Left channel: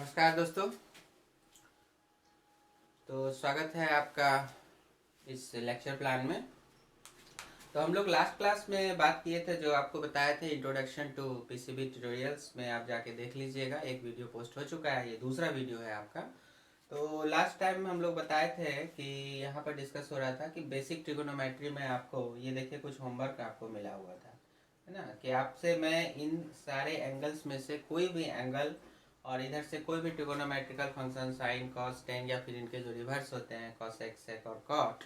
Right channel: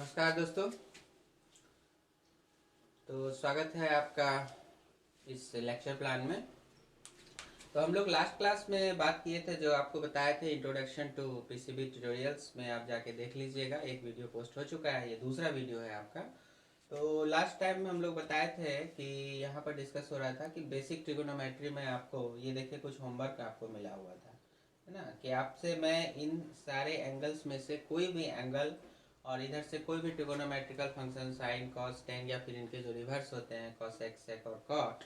नमस्कार दोस्तों। तो स्वागत है आपका इस लेक्चर प्लान में। तो हम लोग लास्ट क्लास में बात किए थे, जो आपको बताए थे इंट्रोडक्शन टू पीसीबी ट्यूटोरियल्स में। आप जाके देख लीजिएगा, एक वीडियो पोस्ट हो चुका है, ये दूसरा वीडियो है आपका। तो लास्ट टाइम में हम लोग बताए थे कि यहाँ पर डिस्कस हो रहा था कि बेसिक ट्रिगोनोमेट्री में आपको ये देखिए कुछ होमवर्क आपको मिला हुआ था, है ना, कि आपसे मैं इन सारे एंगल्स में से कोई भी एंगल और इधर से कोई भी trigonometrical function sine cos tan या फिर इनके जो रिवर्स होते हैं कॉस एक्स सेक और कॉट,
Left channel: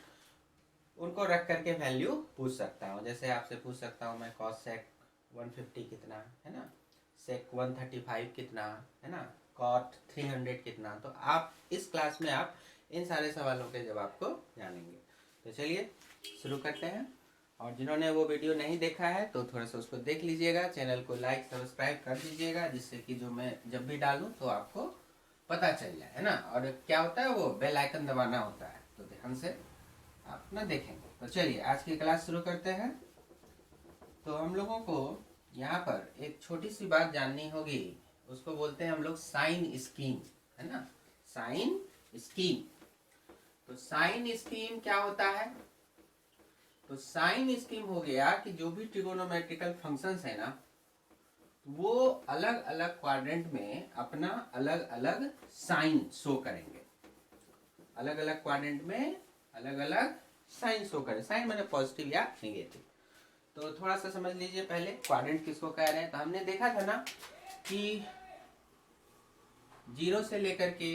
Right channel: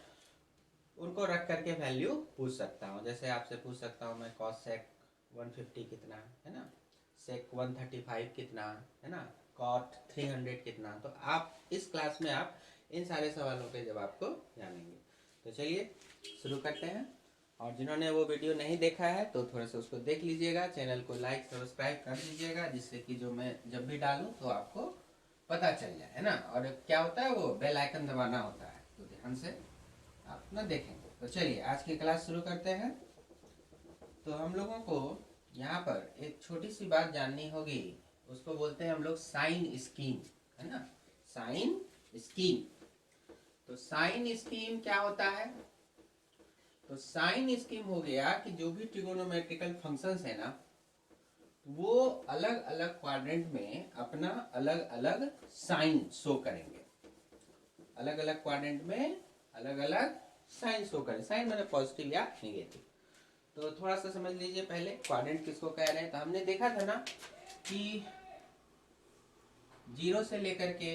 उनको रख करके वैल्यू पूछ सकता हूँ। जैसे आपसे पूछ सकता हूँ मैं कॉस सेक 150 कितना है ना, सेक 135 कितना है ना, कॉट 300 कितना। तो आप इस क्लास में आप इन सारे सवालों के जवाब को जानेंगे। तो चलिए शुरू करते हैं। और जिन्होंने वो वीडियो नहीं देखा है तो थोड़ा सा उसको देख लीजिएगा, चैनल को लाइक सब्सक्राइब कर दीजिएगा, जिससे कि जो मैं जब भी डालूँ तो आपको पता चल जाए, है ना। और क्या होता है, वो बेल आइकन दबाना होता है, तो ध्यान से आप ना देखेंगे। तो चलिए आज की क्लास शुरू करते हैं। तो हम लोगों को यहाँ पर एक छोटी सी बात जाननी होगी, उसको बोलते हैं हम लोग साइन स्कीम, है ना, साइन स्कीम। तो साइन स्कीम क्या होता है? तो साइन स्कीम हो गया कि जो भी ट्रिगोनोमेट्रिकल फंक्शंस है ना, वो अलग अलग क्वाड्रेंट में अपना अलग अलग साइन शो करेंगे। अलग अलग क्वाड्रेंट में अलग अलग साइन शो करें। साइन मैंने पॉजिटिव या नेगेटिव। तो थोड़ा सा समझ लीजिए पहले क्वाड्रेंट किसको कह रहे हैं। तो हमने देखा था ना कि 0 से लेकर के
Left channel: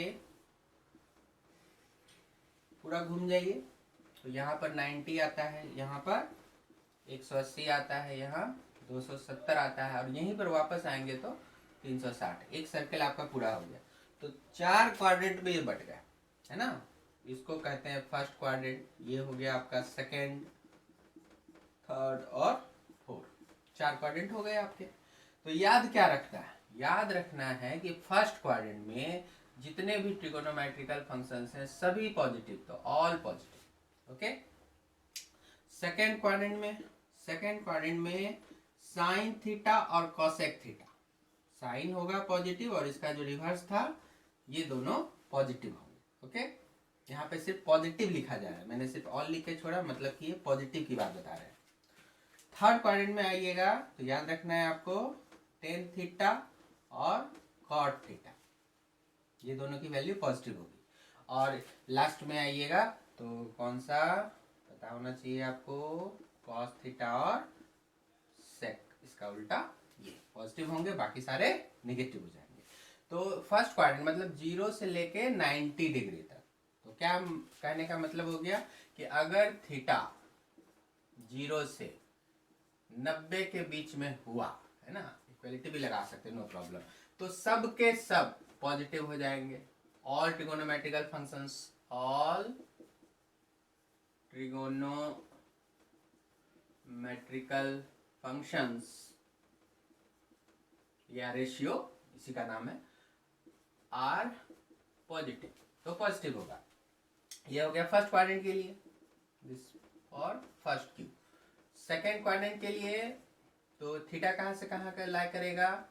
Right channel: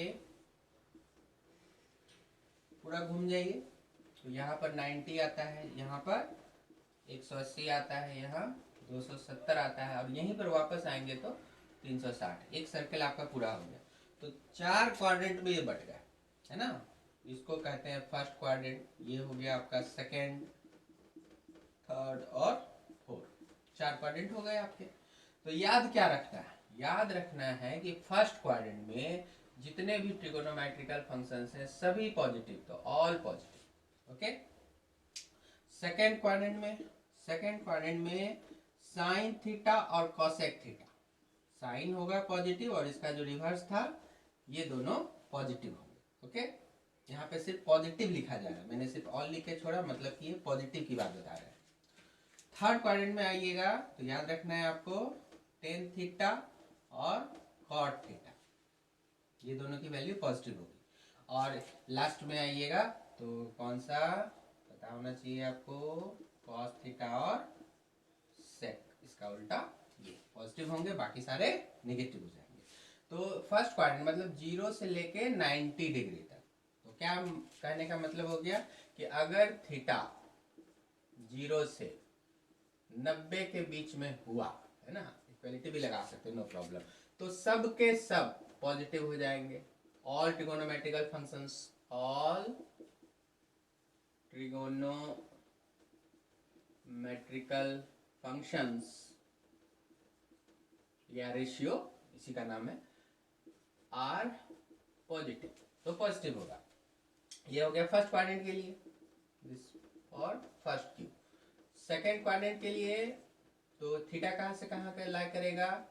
पूरा घूम जाइए, तो यहाँ पर 90 आता है, यहाँ पर 180 आता है, यहाँ 270 आता है, और यहीं पर वापस आएंगे तो 360। एक सर्कल आपका पूरा हो गया। तो 4 क्वाड्रेंट में ये बट गया, है ना। इसको कहते हैं फर्स्ट क्वाड्रेंट, ये हो गया आपका सेकेंड, थर्ड और फोर्थ। 4 क्वाड्रेंट हो गए आपके। तो याद क्या रखना है? याद रखना है कि फर्स्ट क्वाड्रेंट में जितने भी ट्रिगोनोमेट्रिकल फंक्शंस हैं सभी पॉजिटिव, तो all positive. Okay. Second quadrant में साइन थीटा और कॉसेक थीटा। साइन होगा पॉजिटिव और इसका जो रिवर्स था ये दोनों पॉजिटिव होंगे। ओके। यहाँ पे सिर्फ पॉजिटिव लिखा जा रहा है, मैंने सिर्फ ऑल लिख के छोड़ा, मतलब कि ये पॉजिटिव की बात बता रहे हैं। थर्ड क्वाड्रेंट में आइएगा तो याद रखना है आपको टेन थीटा और कॉट थीटा, ये दोनों की वैल्यू पॉजिटिव होगी। और लास्ट में आइएगा तो कौन सा पता होना चाहिए आपको, कॉस थीटा और सेक, इसका उल्टा ये पॉजिटिव होंगे, बाकी सारे नेगेटिव हो जाएंगे। तो फर्स्ट क्वाड्रेंट मतलब 0 से लेके 90 डिग्री तक। तो क्या कहने का मतलब हो गया कि अगर थीटा 0 से 90 के बीच में हुआ, है ना, इक्वलिटी भी लगा सकते हैं, नो प्रॉब्लम, तो सब के सब पॉजिटिव हो जाएंगे। All trigonometrical functions, all trigonometrical functions या रेशियो इसी का नाम है, आर पॉजिटिव, तो पॉजिटिव होगा। ये हो गया फर्स्ट क्वाड्रेंट के लिए दिस और फर्स्ट क्यू। सेकेंड क्वाड्रेंट के लिए तो थीटा कहाँ से कहाँ का लाई करेगा,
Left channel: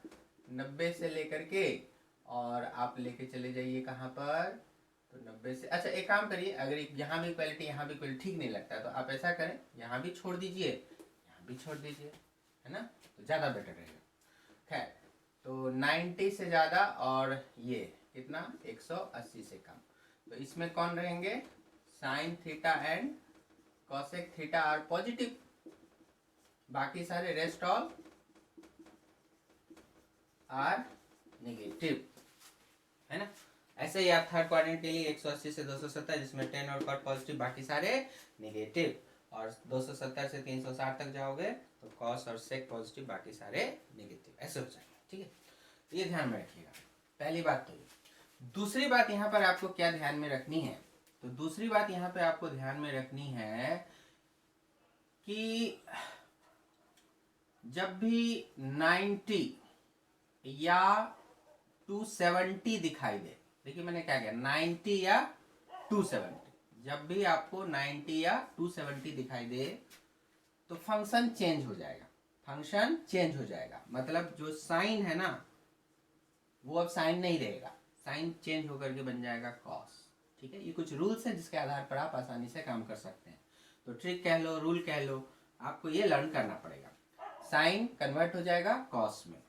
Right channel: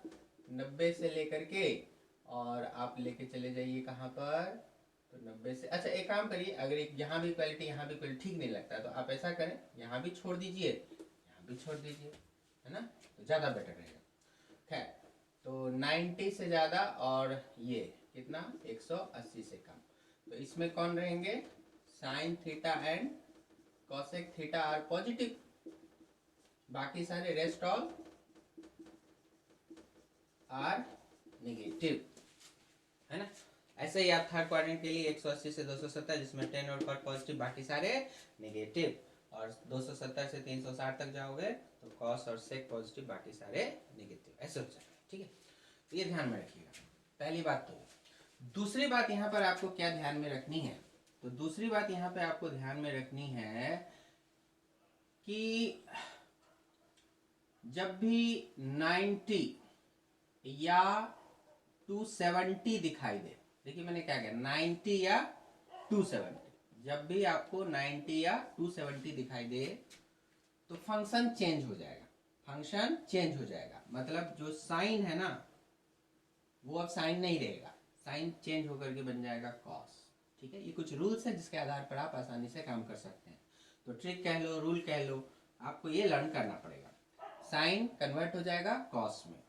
90 से लेकर के, और आप लेके चले जाइए कहाँ पर, तो 90 से, अच्छा एक काम करिए, अगर यहाँ भी इक्वलिटी यहाँ भी इक्वलिटी ठीक नहीं लगता है तो आप ऐसा करें, यहाँ भी छोड़ दीजिए यहाँ भी छोड़ दीजिए, है ना, तो ज़्यादा बेटर रहेगा। खैर, तो 90 से ज़्यादा और ये कितना 180 से कम, तो इसमें कौन रहेंगे, sine theta and cosec theta are positive, बाकी सारे रेस्ट ऑल आर नेगेटिव, है ना। ऐसे ही आप थर्ड क्वाड्रेंट के लिए 180 से 270 जिसमें 10 और कॉट पॉजिटिव, बाकी सारे नेगेटिव, और 270 से 360 तक जाओगे तो कॉस और सेक पॉजिटिव, बाकी सारे नेगेटिव, ऐसे हो जाएगा। ठीक है, तो ये ध्यान में रखिएगा, पहली बात तो। दूसरी बात यहाँ पर आपको क्या ध्यान में रखनी है, तो दूसरी बात यहाँ पे आपको ध्यान में रखनी है कि जब भी 90 या 270 दिखाई दे, देखिए मैंने क्या किया, 90 या 270, जब भी आपको 90 या 270 दिखाई दे तो फंक्शन चेंज हो जाएगा, फंक्शन चेंज हो जाएगा। मतलब जो साइन है ना वो अब साइन नहीं रहेगा, साइन चेंज होकर के बन जाएगा कॉस। ठीक है, ये कुछ रूल्स है जिसके आधार पर आप आसानी से काम कर सकते हैं। तो ट्रिक कह लो, रूल कह लो, आपको ये लर्न करना पड़ेगा। साइन कन्वर्ट हो जाएगा कॉस में,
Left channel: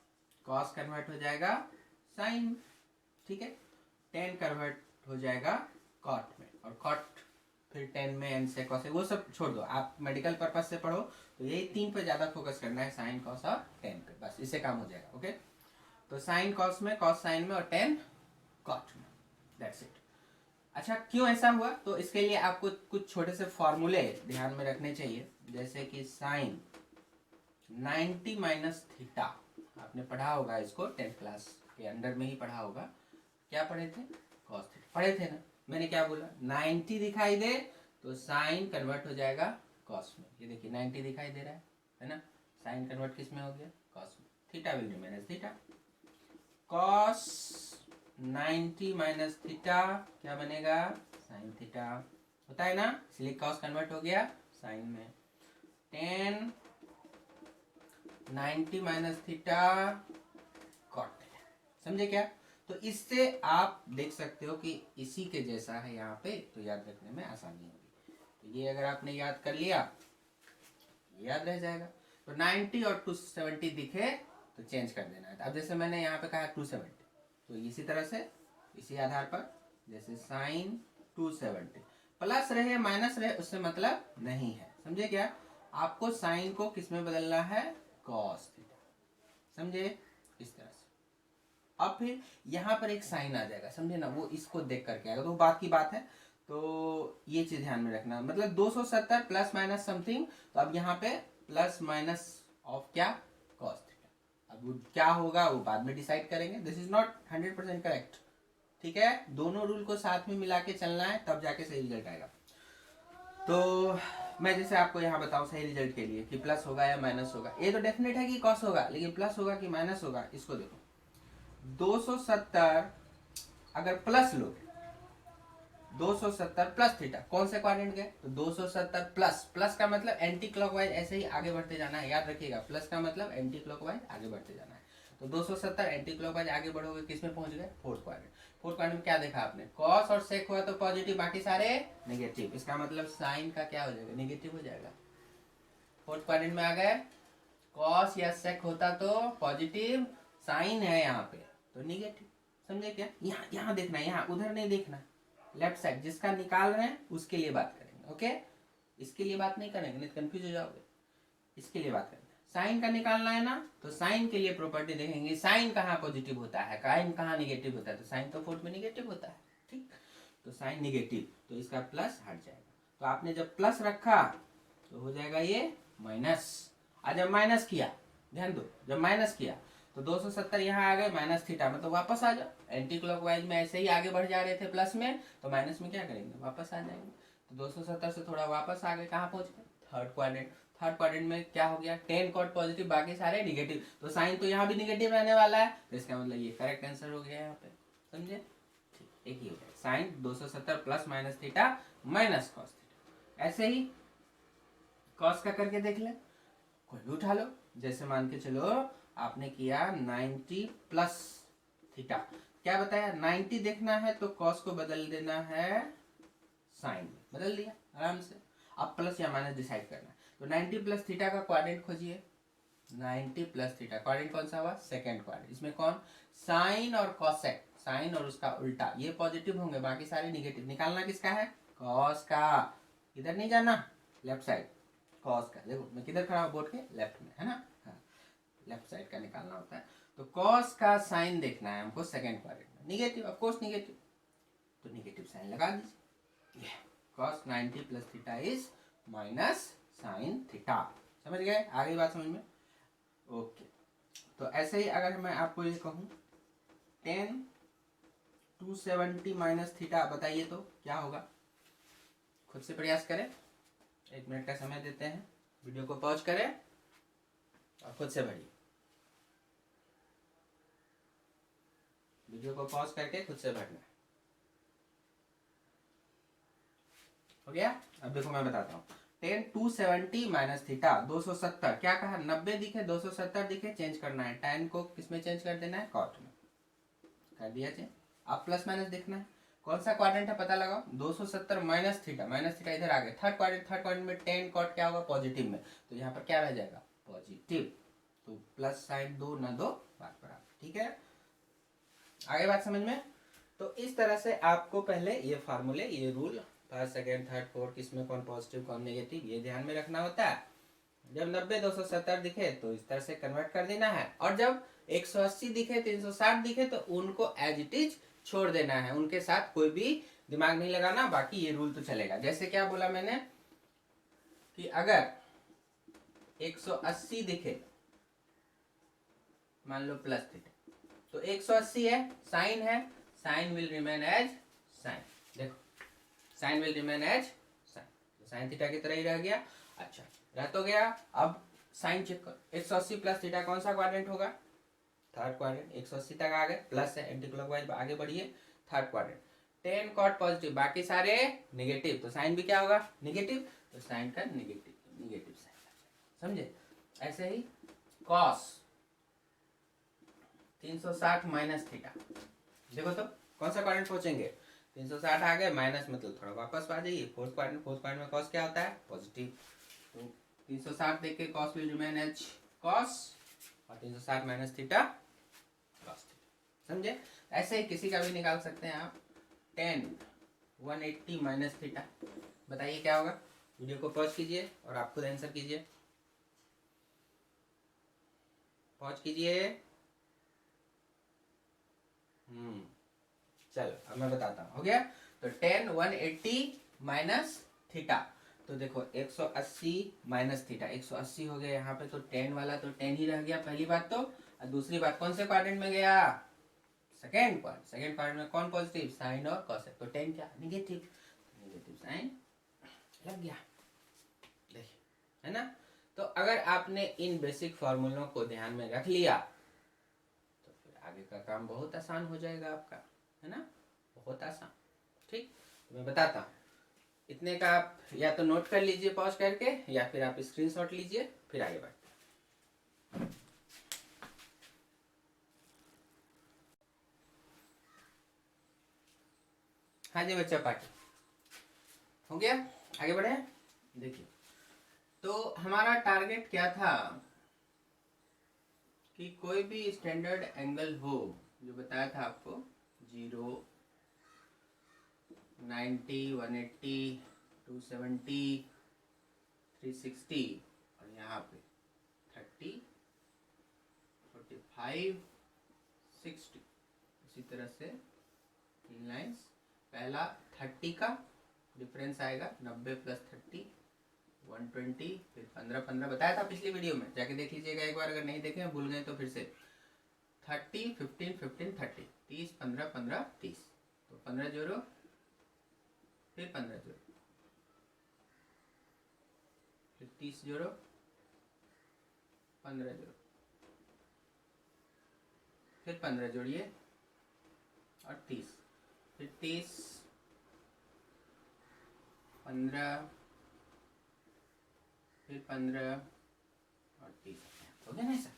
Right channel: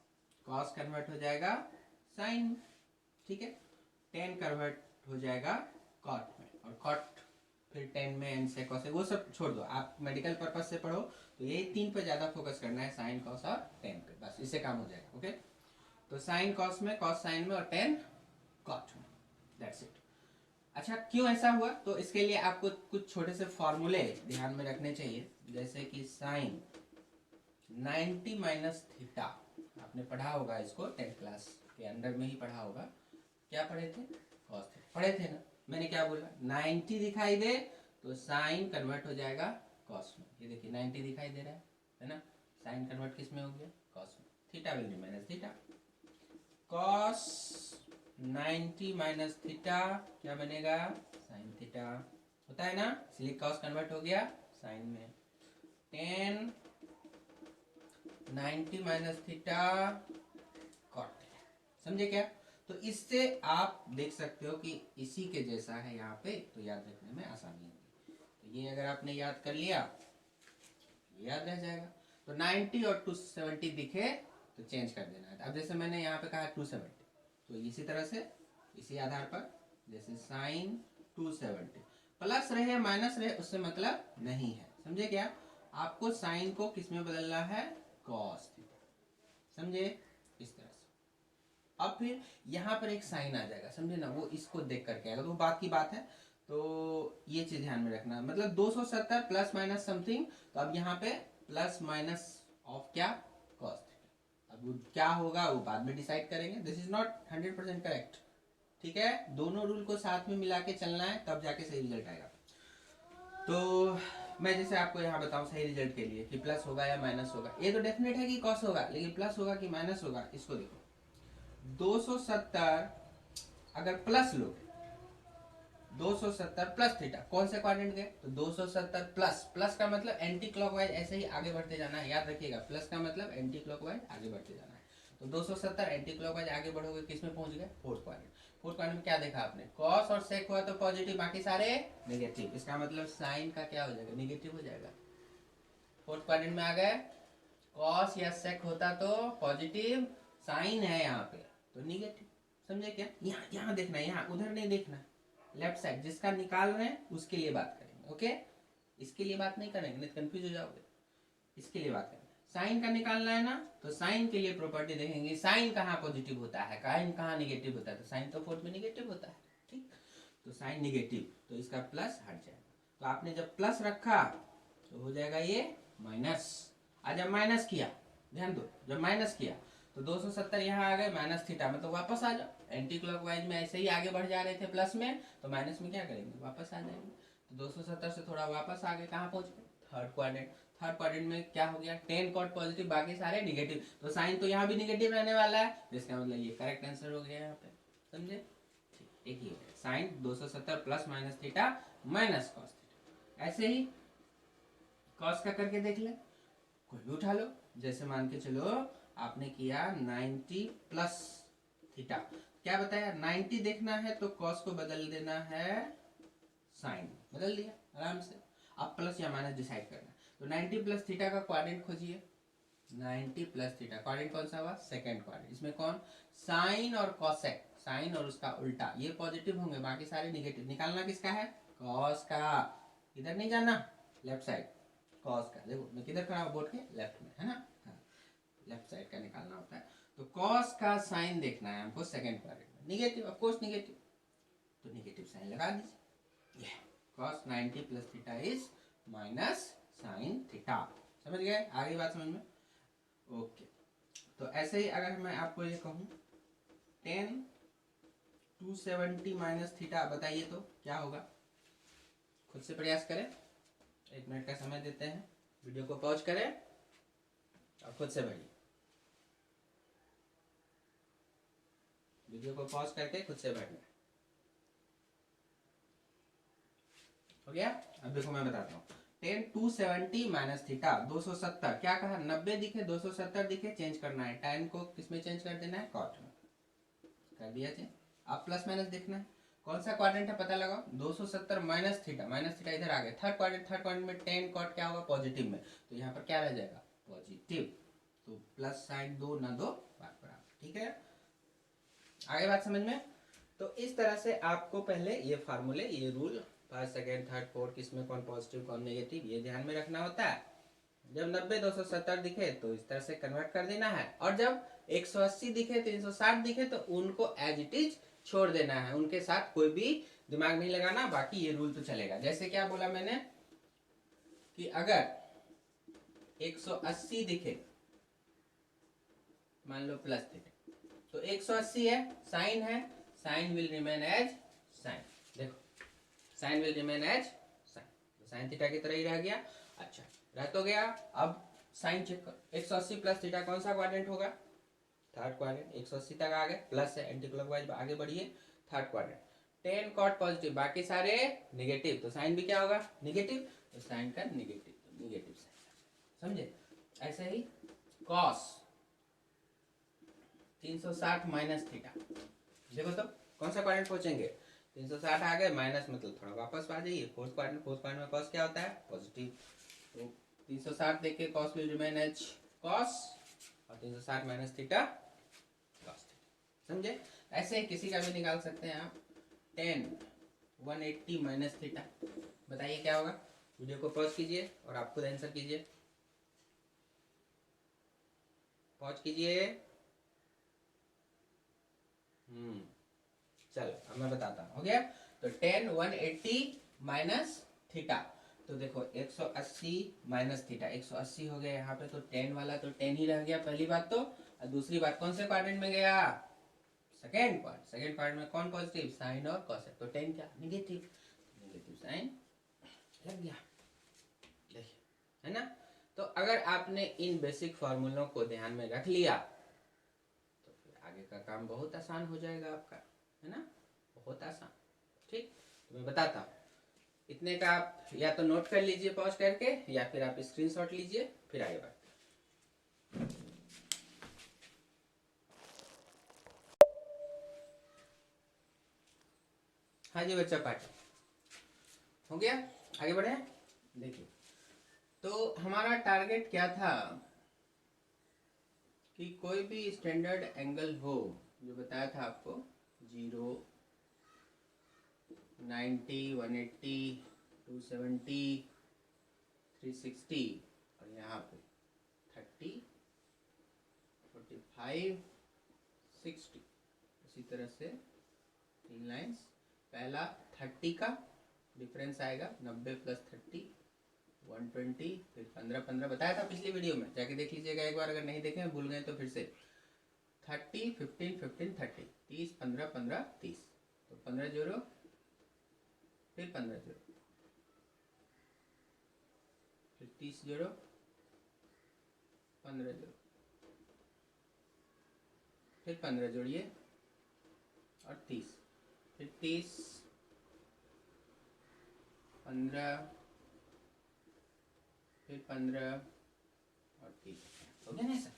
कॉस कन्वर्ट हो जाएगा साइन, ठीक है, टेन कन्वर्ट हो जाएगा कॉट में, और कॉट फिर टेन में एन से कॉस, वो सब छोड़ दो, आप मेडिकल पर्पज से पढ़ो तो यही तीन पे ज़्यादा फोकस करना है, साइन कॉस और टेन पे, बस इससे काम हो जाएगा। ओके, तो साइन कॉस में, कॉस साइन में और टेन कॉट में, दैट्स इट। अच्छा, क्यों ऐसा हुआ? तो इसके लिए आपको कुछ छोटे से फॉर्मूले ध्यान में रखने चाहिए, जैसे कि साइन 90 माइनस थीटा, आपने पढ़ा होगा इसको 10th क्लास के अंदर में ही पढ़ा होगा। क्या पढ़े थे? कॉस थीटा पढ़े थे ना। मैंने क्या बोला? 90 दिखाई दे तो साइन कन्वर्ट हो जाएगा कॉस में। ये देखिए 90 दिखाई दे रहा है ना, साइन कन्वर्ट किस में हो गया? कॉस में। Theta will remain as theta. Cos 90 minus theta क्या बनेगा? Sine theta. होता है ना, इसलिए कॉस कन्वर्ट हो गया साइन में। 10 90 माइनस थीटा कॉट। समझे क्या? तो इससे आप देख सकते हो कि इसी के जैसा है यहाँ पे, तो याद रखने में आसानी होगी। तो ये अगर आपने याद कर लिया, याद रह जाएगा। तो 90 और 270 दिखे तो चेंज कर देना है। अब जैसे मैंने यहाँ पे कहा 270, तो इसी तरह से इसी आधार पर, जैसे साइन 270 प्लस रहे माइनस रहे उससे मतलब नहीं है। समझे क्या? आपको साइन को किस में बदलना है? Cos theta. समझे? इस तरह से। अब फिर यहाँ पर एक साइन आ जाएगा, समझे ना, वो इसको देख करके आएगा, तो बात की बात है। तो ये चीज ध्यान में रखना, मतलब 270 प्लस माइनस समथिंग, तो अब यहाँ पे प्लस माइनस ऑफ क्या? Cos theta. अब वो क्या होगा वो बाद में डिसाइड करेंगे, दिस इज नॉट 100% करेक्ट। ठीक है, दोनों रूल को साथ में मिला के चलना है, तब जाके सही रिजल्ट आएगा। तो मैं जैसे आपको यहाँ बताऊँ सही रिजल्ट के लिए कि प्लस होगा या माइनस होगा, ये तो डेफिनेट है कि कॉस होगा, लेकिन प्लस होगा कि माइनस होगा, इसको देखो। 270 अगर प्लस लोगे, 270 प्लस थीटा, कौन से क्वाड्रेंट गए? तो 270 प्लस, प्लस का मतलब एंटी क्लॉकवाइज ऐसे ही आगे बढ़ते जाना है, याद रखिएगा, प्लस का मतलब एंटी क्लॉकवाइज आगे बढ़ते जाना है। तो 270 एंटी क्लॉकवाइज आगे बढ़ोगे, किस में पहुंच गए? Fourth quadrant. फोर्थ क्वाड्रेंट में क्या देखा आपने? कॉस और सेक हुआ तो पॉजिटिव, बाकी सारे नेगेटिव, इसका मतलब साइन का क्या हो जाएगा? नेगेटिव हो जाएगा। फोर्थ क्वाड्रेंट में आ गए, कॉस या सेक होता तो पॉजिटिव, साइन है यहाँ पे तो निगेटिव। समझे क्या? यहाँ यहाँ देखना, यहाँ उधर नहीं देखना, लेफ्ट साइड जिसका निकाल रहे हैं उसके लिए बात करेंगे। ओके, इसके लिए बात नहीं करेंगे, नहीं कंफ्यूज हो जाओगे। इसके लिए बात करेंगे, साइन का निकालना है ना, तो साइन के लिए प्रॉपर्टी देखेंगे, साइन कहाँ पॉजिटिव होता है, साइन कहाँ निगेटिव होता है, तो साइन तो फोर्थ में निगेटिव होता है। ठीक, तो साइन निगेटिव, तो इसका प्लस हट जाएगा। तो आपने जब प्लस रखा तो हो जाएगा ये माइनस। आज जब माइनस किया, ध्यान दो, जब माइनस किया तो 270 यहाँ आ गए माइनस थीटा, मतलब वापस आ जाओ। एंटी क्लॉकवाइज में ऐसे ही आगे बढ़ जा रहे थे प्लस में, तो माइनस में क्या करेंगे? वापस आ जाएंगे। तो 270 से थोड़ा वापस आ गए, कहाँ पहुंच गए? Third quadrant. थर्ड क्वाड्रेंट में क्या हो गया? 10 कॉट पॉजिटिव, बाकी सारे निगेटिव, तो साइन तो यहाँ भी निगेटिव रहने वाला है, तो इसका मतलब ये करेक्ट आंसर हो गया यहाँ पे। समझे? ठीक, एक ही हो गया, sine 270 plus minus theta minus cos theta. ऐसे ही कॉस का करके देख ले, कोई भी उठा लो, जैसे मान के चलो आपने किया 90 प्लस थीटा, क्या बताया? 90 देखना है तो कॉस को बदल देना है साइन, बदल दिया आराम से। अब प्लस या माइनस डिसाइड करना है, तो 90 प्लस थीटा का क्वाड्रेंट खोजिए। 90 प्लस थीटा क्वाड्रेंट कौन सा हुआ? Second quadrant. इसमें कौन? साइन और कॉसेक, साइन और उसका उल्टा, ये पॉजिटिव होंगे, बाकी सारे निगेटिव। निकालना किसका है? कॉस का। इधर नहीं जाना, लेफ्ट साइड कॉस का। देखो मैं किधर खड़ा हूँ? बोर्ड के लेफ्ट में, है ना? हाँ, लेफ्ट साइड का निकालना होता है। तो कॉस का साइन देखना है हमको सेकंड क्वाड्रेंट में, निगेटिव, ऑफ कोर्स निगेटिव, तो निगेटिव साइन लगा दीजिए। Cos 90 plus theta is minus sine theta. समझ गए? आगे बात समझ में? ओके, तो ऐसे ही अगर मैं आपको ये कहूँ 10 270 माइनस थीटा, बताइए तो क्या होगा? खुद से प्रयास करें, 1 मिनट का समय देते हैं, वीडियो को पॉज करें और खुद से भरिए। वीडियो को पॉज करके खुद से भरना। हो गया? अब देखो मैं बताता हूँ, 10 270 माइनस थीटा 270, क्या कहा? 90 दिखे 270 दिखे, चेंज करना है, 10 को किस में चेंज कर देना है? कॉट में। कर दिया चेंज। आप प्लस माइनस देखना है, कौन सा क्वाड्रेंट है पता लगाओ, 270 माइनस थीटा इधर आ गया, थर्ड क्वाड्रेंट में टेन कॉट क्या होगा पॉजिटिव में, तो यहाँ पर क्या रह जाएगा पॉजिटिव, तो प्लस साइन दो न दो बात बराबर, ठीक है, आगे बात समझ में। तो इस तरह से आपको पहले ये फार्मूले, ये rule first second third fourth किसमें कौन पॉजिटिव कौन नेगेटिव ये ध्यान में रखना होता है। जब 90 270 दिखे तो इस तरह से कन्वर्ट कर देना है, और जब 180 दिखे 360 दिखे तो उनको एज इट इज छोड़ देना है, उनके साथ कोई भी दिमाग नहीं लगाना, बाकी ये रूल तो चलेगा। जैसे क्या बोला मैंने कि अगर 180 दिखे मान लो प्लस थीटा, तो 180 है, sine will remain as sine, देखो sine will remain as sine, sine theta की तरह ही रह गया। अच्छा रह तो गया, अब साइन चेक करो, 180 प्लस थीटा कौन सा क्वाड्रेंट होगा, थर्ड क्वाड्रेंट, 180 तक आ गए, प्लस है एंटी क्लॉकवाइज आगे बढ़िए, थर्ड क्वाड्रेंट, 10 कॉट पॉजिटिव बाकी सारे नेगेटिव, तो साइन भी क्या होगा नेगेटिव, तो साइन का नेगेटिव साइन, समझे। ऐसे ही कॉस 360 माइनस थीटा, देखो तो कौन सा क्वाड्रेंट पहुंचेंगे, 360 आ गए, माइनस मतलब थोड़ा वापस आ जाइए, फोर्थ क्वाड्रेंट में कॉस क्या होता है पॉजिटिव, तो 360 देख के cos will remain as cos, और 360 माइनस थीटा कॉस, समझे। ऐसे ही किसी का भी निकाल सकते हैं आप, 10 180 माइनस थीटा, बताइए क्या होगा। वीडियो को पॉज कीजिए और आप खुद आंसर कीजिए, पॉज कीजिए। चलो अब मैं बताता हूँ, हो गया। तो 10 180 माइनस थीटा, तो देखो 180 माइनस थीटा, 180 हो गया यहाँ पे, तो 10 वाला तो 10 ही रह गया पहली बात तो, और दूसरी बात कौन से क्वाड्रेंट में गया, सेकेंड क्वाड्रेंट में कौन पॉजिटिव साइन और कॉस है, तो 10 क्या नेगेटिव साइन लग गया, देखिए है ना। तो अगर आपने इन बेसिक फॉर्मूलों को ध्यान में रख लिया तो फिर आगे का काम बहुत आसान हो जाएगा आपका, है ना, बहुत आसान। ठीक, तो मैं बताता हूँ, इतने का आप या तो नोट कर लीजिए पॉज करके, या फिर आप स्क्रीनशॉट लीजिए, फिर आगे बढ़ते हैं। हाँ जी बच्चा पाठ हो गया, आगे बढ़े। देखिए तो हमारा टारगेट क्या था कि कोई भी स्टैंडर्ड एंगल हो, जो बताया था आपको 0 90 180 270 360 और यहाँ पे 30 45 60, इसी तरह से 3 लाइन्स, पहला 30 का डिफरेंस आएगा, 90 प्लस 30 120, फिर 15 15 बताया था पिछली वीडियो में, जाके देख लीजिएगा एक बार, अगर नहीं देखे भूल गए तो फिर से 30 15 15 30 30 15 15 30, तो 15 जोड़ो, फिर 15 जोड़ो, फिर 30 जोड़ो, 15 जोड़ो, फिर 15 जोड़िए और 30, फिर 30 15 फिर 15 और 30, हो गया ना ऐसा।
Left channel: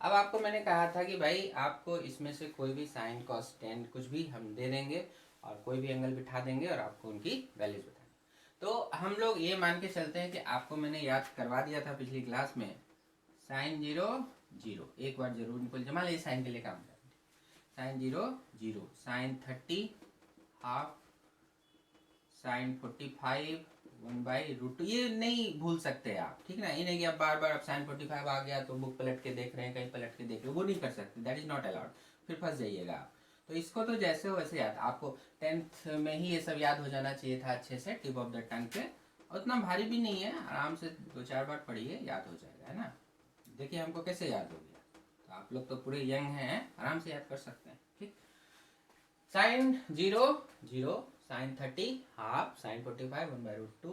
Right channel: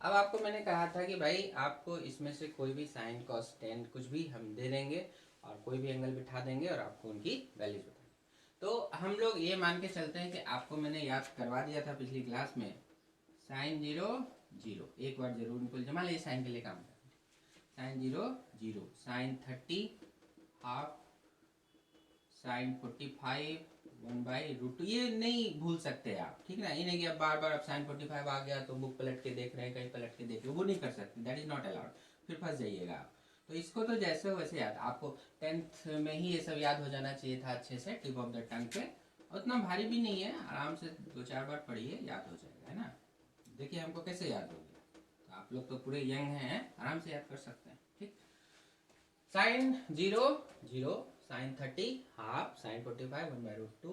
अब आपको मैंने कहा था कि भाई आपको इसमें से कोई भी साइन कॉस टेन कुछ भी हम दे देंगे और कोई भी एंगल बिठा देंगे और आपको उनकी वैल्यूज बताएंगे। तो हम लोग ये मान के चलते हैं कि आपको मैंने याद करवा दिया था पिछली क्लास में, साइन 0 0 एक बार जरूर निकल जमा लीजिए, साइन के लिए काम करें, साइन 0 0, साइन 30 हाफ, साइन 45 1/√2, ये नहीं भूल सकते आप, ठीक ना, ये नहीं कि आप बार बार आप साइन 45 आ गया तो बुक पलट के देख रहे हैं, कहीं पलट के देख रहे हैं, वो नहीं कर सकते, दैट इज नॉट अलाउड, फिर फंस जाइएगा आप। तो इसको तो जैसे हो वैसे याद, आपको 10th में ही ये सब याद हो जाना चाहिए था अच्छे से, टिप ऑफ द टंग पे, उतना भारी भी नहीं है, आराम से 2-4 बार पढ़िए याद हो जाएगा, है ना। देखिए हमको कैसे याद हो गया, तो आप लोग तो पूरे यंग हैं, आराम से याद कर सकते हैं। ठीक, sine 0 0, sine 30 half, sine 45 1/√2,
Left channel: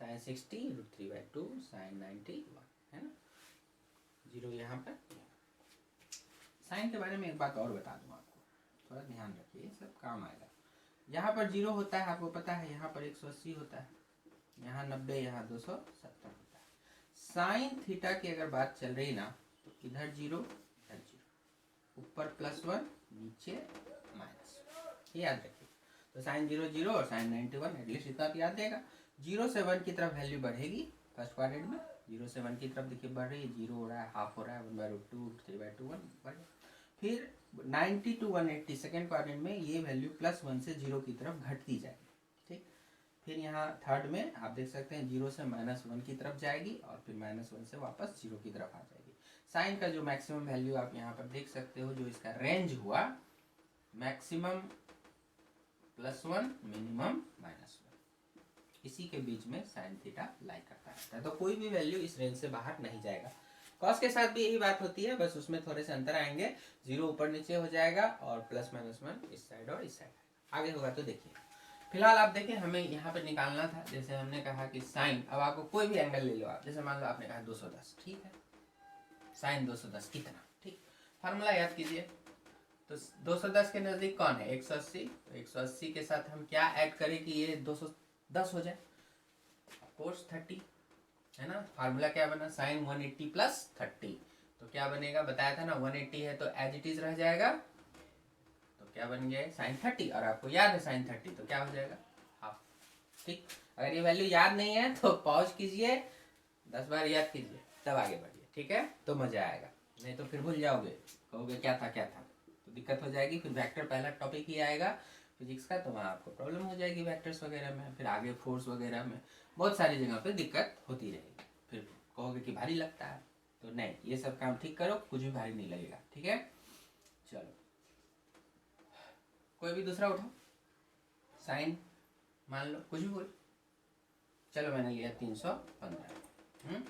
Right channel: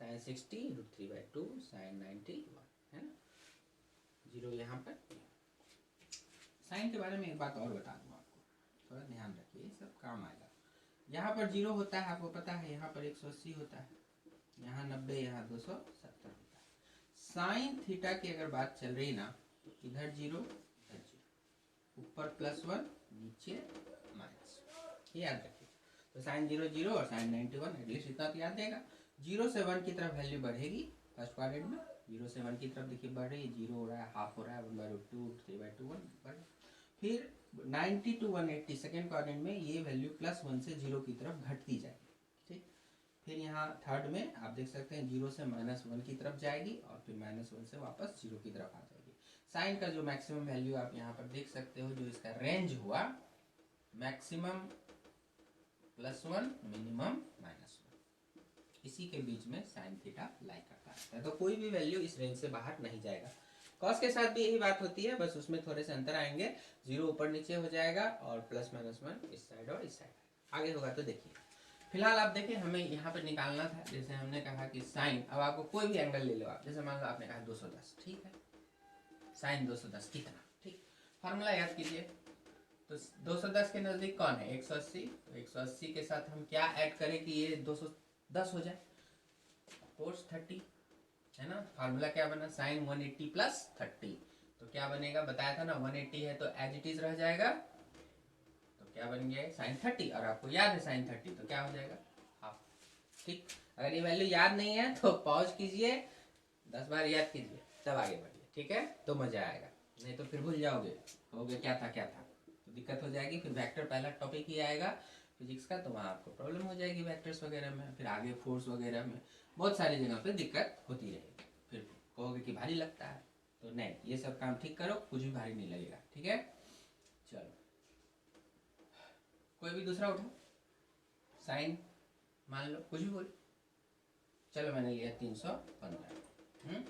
sine 60 √3/2, sine 90 1, है ना, 0 यहाँ पर। साइन के बारे में एक बात और बता दूँ आपको, थोड़ा ध्यान रखिए, सब काम आएगा। यहाँ पर 0 होता है आपको पता है, यहाँ पर 180 होता है, यहाँ 90, यहाँ 270 होता है। साइन थीटा की अगर बात चल रही ना, तो इधर 0 इधर 0, ऊपर +1 नीचे -1, याद रखिए। तो साइन 0 0 और साइन 91, एटलीस्ट इतना तो याद रहेगा। 0 से 1 की तरफ वैल्यू बढ़ेगी फर्स्ट क्वाड्रेंट में, 0 से 1 की तरफ देखिए बढ़ रही है, 0 हो रहा है, हाफ हो रहा है, 1/√2, 3/2, 1 फिर 90 to 180 सेकेंड क्वाड्रेंट में ये वैल्यू +1 से 0 की तरफ घटती जाएगी। ठीक, फिर यहाँ थर्ड में आप देख सकते हैं 0 से -1 की तरफ जाएगी और फिर -1 से वापस 0 की तरफ आ जाएगी। साइन का जो मैक्सिमम वैल्यू आप यहाँ पर देख सकते हो, जो इसका रेंज हुआ मैक्सिमम +1 मिनिमम -1, इसी के बीच में साइन थीटा लाई करता रहता है। तो कोई भी वैल्यू इस रेंज से बाहर नहीं जाएगा। कॉस के साथ भी यही बात होती है, बस उसमें थोड़े से अंतर आएंगे, 0 ऊपर नीचे हो जाएगा और +-1 इस साइड और इस साइड। आगे होगा तो देखिए। फिलहाल आप देखें, हमें यहाँ पर निकालना था, जैसे हमने कहा कि साइन, अब आपको कोई भी एंगल ले लो आप, जैसे मान लो आपने कहा 210, ठीक है, साइन 210 कितना, ठीक, फार्मूला याद कीजिए। तो 210 के नज़दीक कौन है, 180, तो 180 के साथ हम क्या ऐड करें कि ये 210 हो जाए, कोर्स 30 है ना। फार्मूला क्या बना, साइन 180 + 30, तो क्या बनेगा, बताया था ना 180 है तो एज इट इज रह जाएगा, तो क्या बन गया साइन 30, और आपको याद है साइन 30 तो क्या हो जाएगा हाफ। ठीक, अगर ये वैल्यू याद नहीं है तो पॉज कीजिए, 10 बार याद कीजिए, तब आगे बढ़िए, ठीक है, तो मजा आएगा, नहीं तो फिर भूल जाओगे, कहोगे क्या था तो दिक्कत हो जाएगी। फिर वेक्टर पहला टॉपिक ही आएगा फिजिक्स का, तो वहाँ आपको प्रॉब्लम हो जाएगी वेक्टर्स वगैरह में, फिर आगे फोर्स वगैरह में बहुत सारी जगह पे दिक्कत होती रहेगी, फिर कहोगे कि भारी लगता है, तो नहीं, ये सब काम ठीक करो, कुछ भी भारी नहीं लगेगा, ठीक है। चलो कोई भी दूसरा उठो, साइन मान लो कुछ भी बोलो, चलो मैंने लिया 315,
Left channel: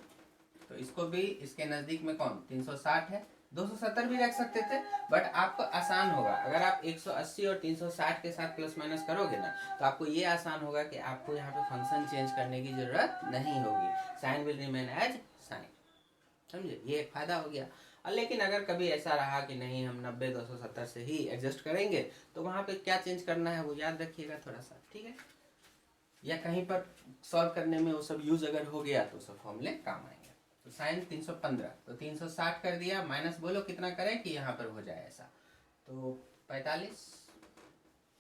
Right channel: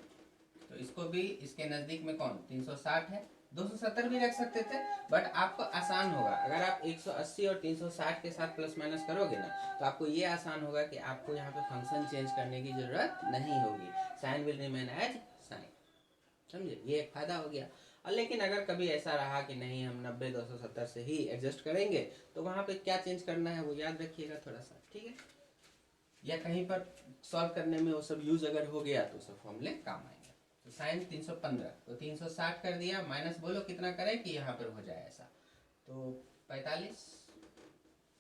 तो इसको भी इसके नज़दीक में कौन 360 है, 270 भी रख सकते थे, बट आपको आसान होगा अगर आप 180 और 360 के साथ प्लस माइनस करोगे ना, तो आपको ये आसान होगा कि आपको यहाँ पे फंक्शन चेंज करने की जरूरत नहीं होगी, sine will remain as sine, समझे, ये एक फायदा हो गया। और लेकिन अगर कभी ऐसा रहा कि नहीं हम 90 270 से ही एडजस्ट करेंगे, तो वहाँ पे क्या चेंज करना है वो याद रखिएगा थोड़ा सा, ठीक है, या कहीं पर सॉल्व करने में वो सब यूज अगर हो गया तो सब फॉर्मूले काम आएंगे। तो साइन 315, तो 360 कर दिया, माइनस बोलो कितना करें कि यहाँ पर हो जाए ऐसा, तो 45,